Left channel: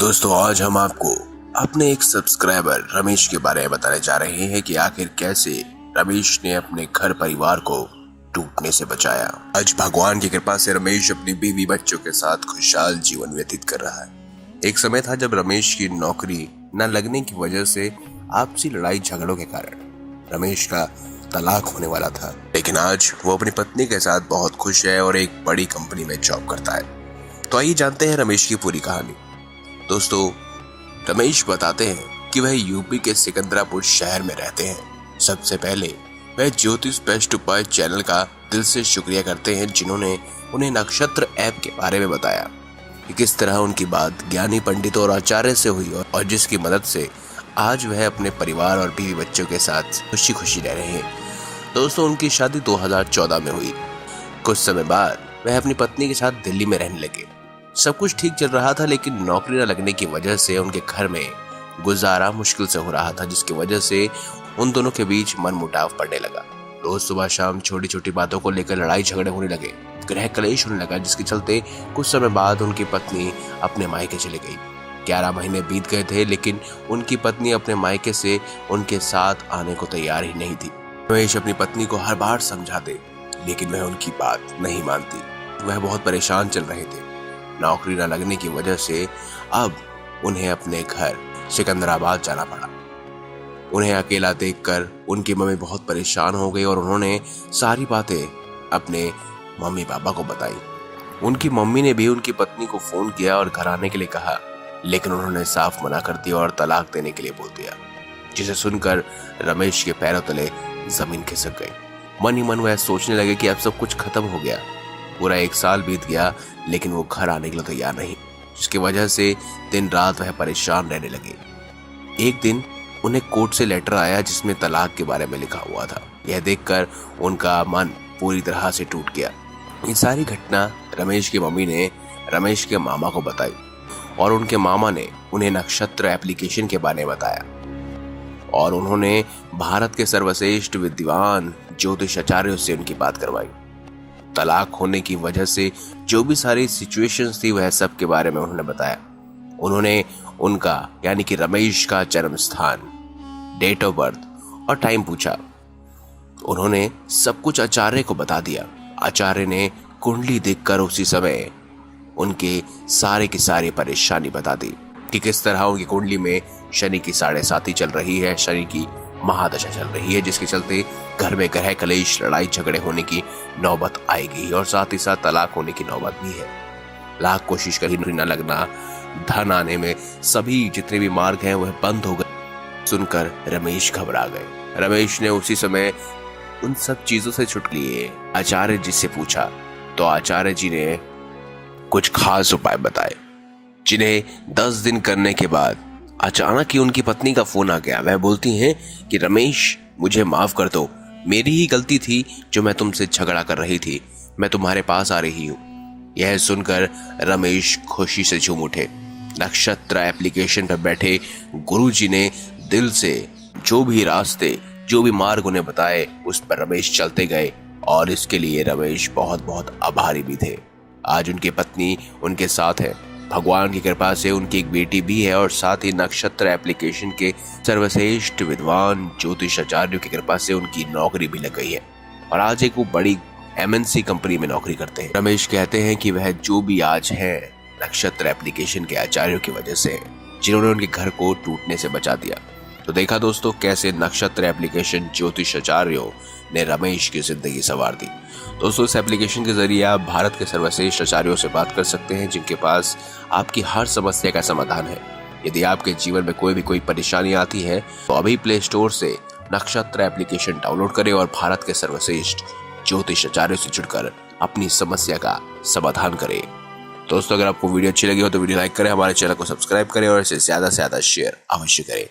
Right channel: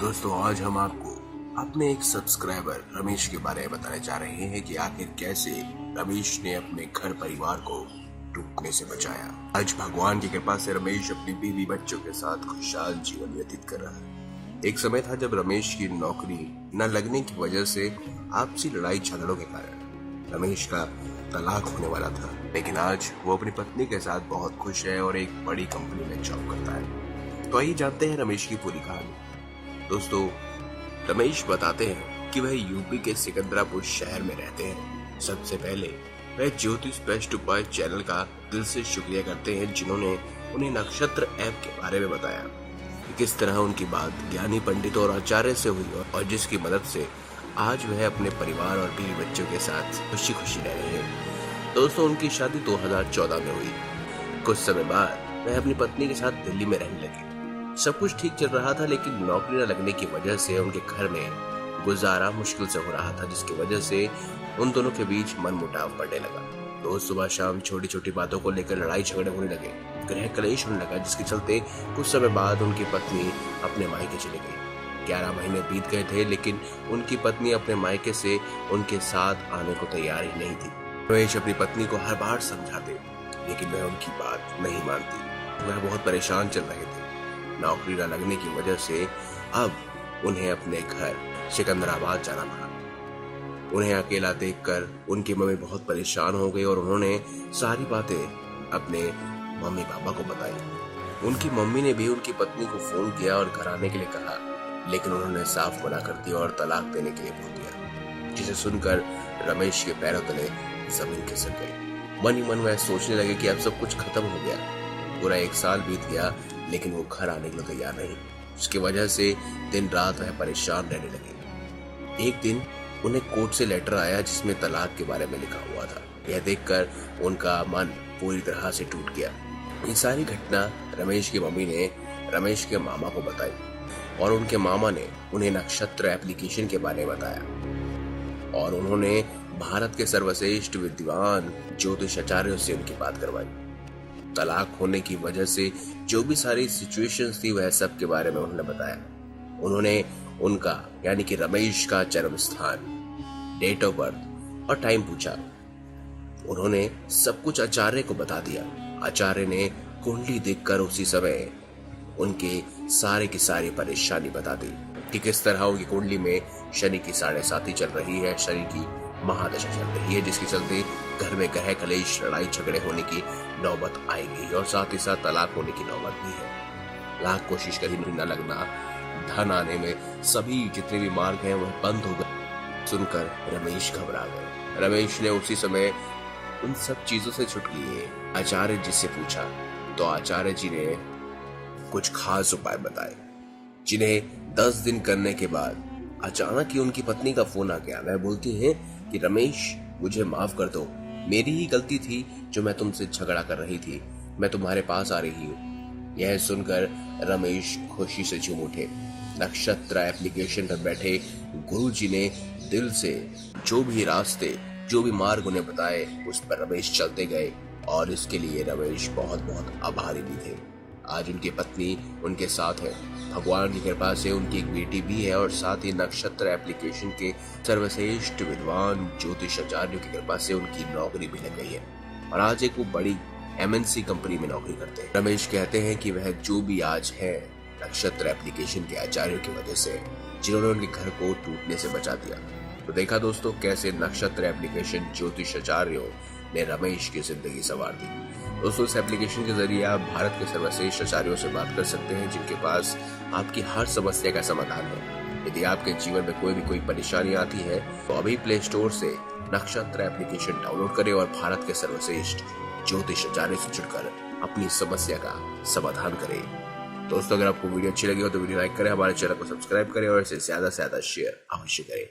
दोस्तों आज हम आपको अपने एक सब्सक्राइबर रमेश के बारे में बताने जा रहे हैं कि आखिर कैसे रमेश ने अपने घर परिवार को टूटने से बचाया। आज भगवान की कृपा से रमेश अपनी बीवी बच्चों के साथ खुशहाल जीवन व्यतीत कर रहा है। एक समय था जब रमेश की नौकरी न लगने की वजह से आपसी लड़ाई झगड़ों के कारण रमेश का तलाक होने वाला था, लेकिन आज वो अपनी पत्नी के साथ बहुत खुश है और एक बड़ी कंपनी में जॉब करता है। तो आइए जानते हैं रमेश की पूरी कहानी। दोस्तों रमेश बताते हैं कि वह यूपी के सिकंदरापुर शहर में रहते हैं। सबसे पहले वह ज्योतिष बेस्ट उपाय चैनल का दिल से शुक्रिया करते हैं जिन्होंने उन्हें नक्षत्र ऐप के बारे में बताया कि किस तरह उनकी बात ज्ञानी पंडितों और आचार्य से हुई और जिसकी मदद से आज वह अपने परिवार और बीवी बच्चों के साथ खुशी खुशी रह रहे हैं। दोस्तों उनकी शादी 2014 में हुई। कुछ समय बाद वह अपनी पत्नी के साथ दिल्ली में रहने लगे। सब कुछ ठीक चल रहा था, लेकिन नौकरी न लगने की वजह से उनके घर में गुजारा मुश्किल से हो रहा था, जिसकी वजह से उन दोनों के बीच मनमुटाव पड़ने लगा। रोज सुबह शाम छोटी छोटी बातों को लेकर लड़ाई झगड़े होने लगे, गृह कलेश होने लगा, जिसके चलते कुछ समय बाद उनकी पत्नी अपने मायके चली गई। 11 महीने बीत गए थे, लेकिन उनकी पत्नी अपने मायके से उनके साथ आने को तैयार ही नहीं थी। रमेश अपनी पत्नी को हर बार समझाते, लेकिन वह उनकी बात नहीं मानती। वह बहुत परेशान चल रहे थे। नौकरी न लगने की वजह से अब उन्हें अपने घर सिकंदराबाद जाना पड़ा। उन्हें अकेला देखकर उनकी मम्मी बहुत परेशान हो गई और उन्होंने सारी बातें अपने मम्मी पापा को बताई। उनकी मम्मी ने भी उनकी पत्नी को फोन किया और घर आने के लिए कहा, लेकिन उन्होंने साफ मना कर दिया और तलाक देने के लिए बोल दिया, जिसे सुनकर रमेश के पैरों तले जमीन खिसक गई। मन ही मन वह सोचने लगे कि अब सब कुछ खत्म हो गया। पूरा 1 साल बीत गया, लेकिन वो घर आने के लिए तैयार नहीं, जिसकी वजह से दिन रात वह परेशान रहने लगे। एक दिन उन्हें कोर्ट से लेटर आया जिसमें तलाक के बारे में लिखा हुआ था। यह देखकर उनका मन पूरी तरह से टूट गया। ये सारी घटना रमेश की मम्मी ने रमेश के मामा को बताई और उनके मामा ने उन्हें नक्षत्र एप्लीकेशन के बारे में बताया और उन्होंने भारत के सर्वश्रेष्ठ विद्वान ज्योतिष आचार्यों से उनकी बात करवाई। तलाक होने की वजह से जो भी सारी सिचुएशंस थी वह सब के बारे में उन्होंने बताया। उन्होंने उनका यानी कि रमेश का जन्म स्थान, डेट ऑफ बर्थ और टाइम पूछा। उन्होंने सब कुछ आचार्य को बता दिया। आचार्य ने कुंडली देखकर उसी समय उनके सारे की सारी परेशानी बता दी कि किस तरह उनकी कुंडली में शनि की 7.5 चल रही है, शनि की महादशा चल रही है, जिसके चलते घर में ग्रह कलेश, लड़ाई झगड़े होने की नौबत आएगी और साथ ही साथ तलाक होने की नौबत भी है। लाख कोशिश करी न लगना, धन आने में सभी जितने भी मार्ग हैं वह बंद हो गए। सुनकर रमेश घबरा गए। रमेश ने उसी समय उन सब चीजों से छुट लिए आचार्य जी से पूछा, तो आचार्य जी ने कुछ खास उपाय बताए, जिन्हें 10 दिन करने के बाद अचानक ही उनकी पत्नी का फोन आ गया। वह बोलती हैं कि रमेश मुझे माफ कर दो, मेरी ही गलती थी जो मैं तुमसे झगड़ा कर रही थी, मैं तुम्हारे पास आ रही हूँ। यह सुनकर रमेश खुशी से झूम उठे। नक्षत्र एप्लीकेशन पर बैठे गुरुजी ने दिल से जो भी रास्ते, जो भी मार्ग उन्हें बताए उस पर रमेश चलते गए और इसके लिए रमेश बहुत बहुत आभारी भी थे। आज उनकी पत्नी उनके साथ है। भगवान की कृपा से उनकी एक बेटी भी है और साथ ही नक्षत्र एप्लीकेशन के सर्वश्रेष्ठ विद्वान ज्योतिष आचार्यों की कृपा से उनकी नौकरी भी लग गई है और आज एक वो बड़ी MNC कंपनी में नौकरी करते हैं। रमेश कहते हैं कि वह जो भी आज है नक्षत्र एप्लीकेशन के आचार्यों की वजह से, जिन्होंने उनके घर को टूटने से बचा दिया। तो देखा दोस्तों कैसे नक्षत्र एप्लीकेशन ज्योतिष आचार्यों ने रमेश की जिंदगी संवार दी। दोस्तों इस एप्लीकेशन के जरिए आप भारत के सर्वश्रेष्ठ आचार्यों से बात कर सकते हैं, जिनके पास आपकी हर समस्या का समाधान है। यदि आपके जीवन में कोई परेशानी आती है तो अभी प्ले स्टोर से नक्षत्र एप्लीकेशन डाउनलोड करें और भारत के सर्वश्रेष्ठ ज्योतिष आचार्यों से जुड़कर अपनी समस्या का समाधान करें। दोस्तों अगर आपको वीडियो अच्छी लगी हो तो वीडियो लाइक करें, हमारे चैनल को सब्सक्राइब करें और इसे ज्यादा से ज्यादा शेयर अवश्य करें।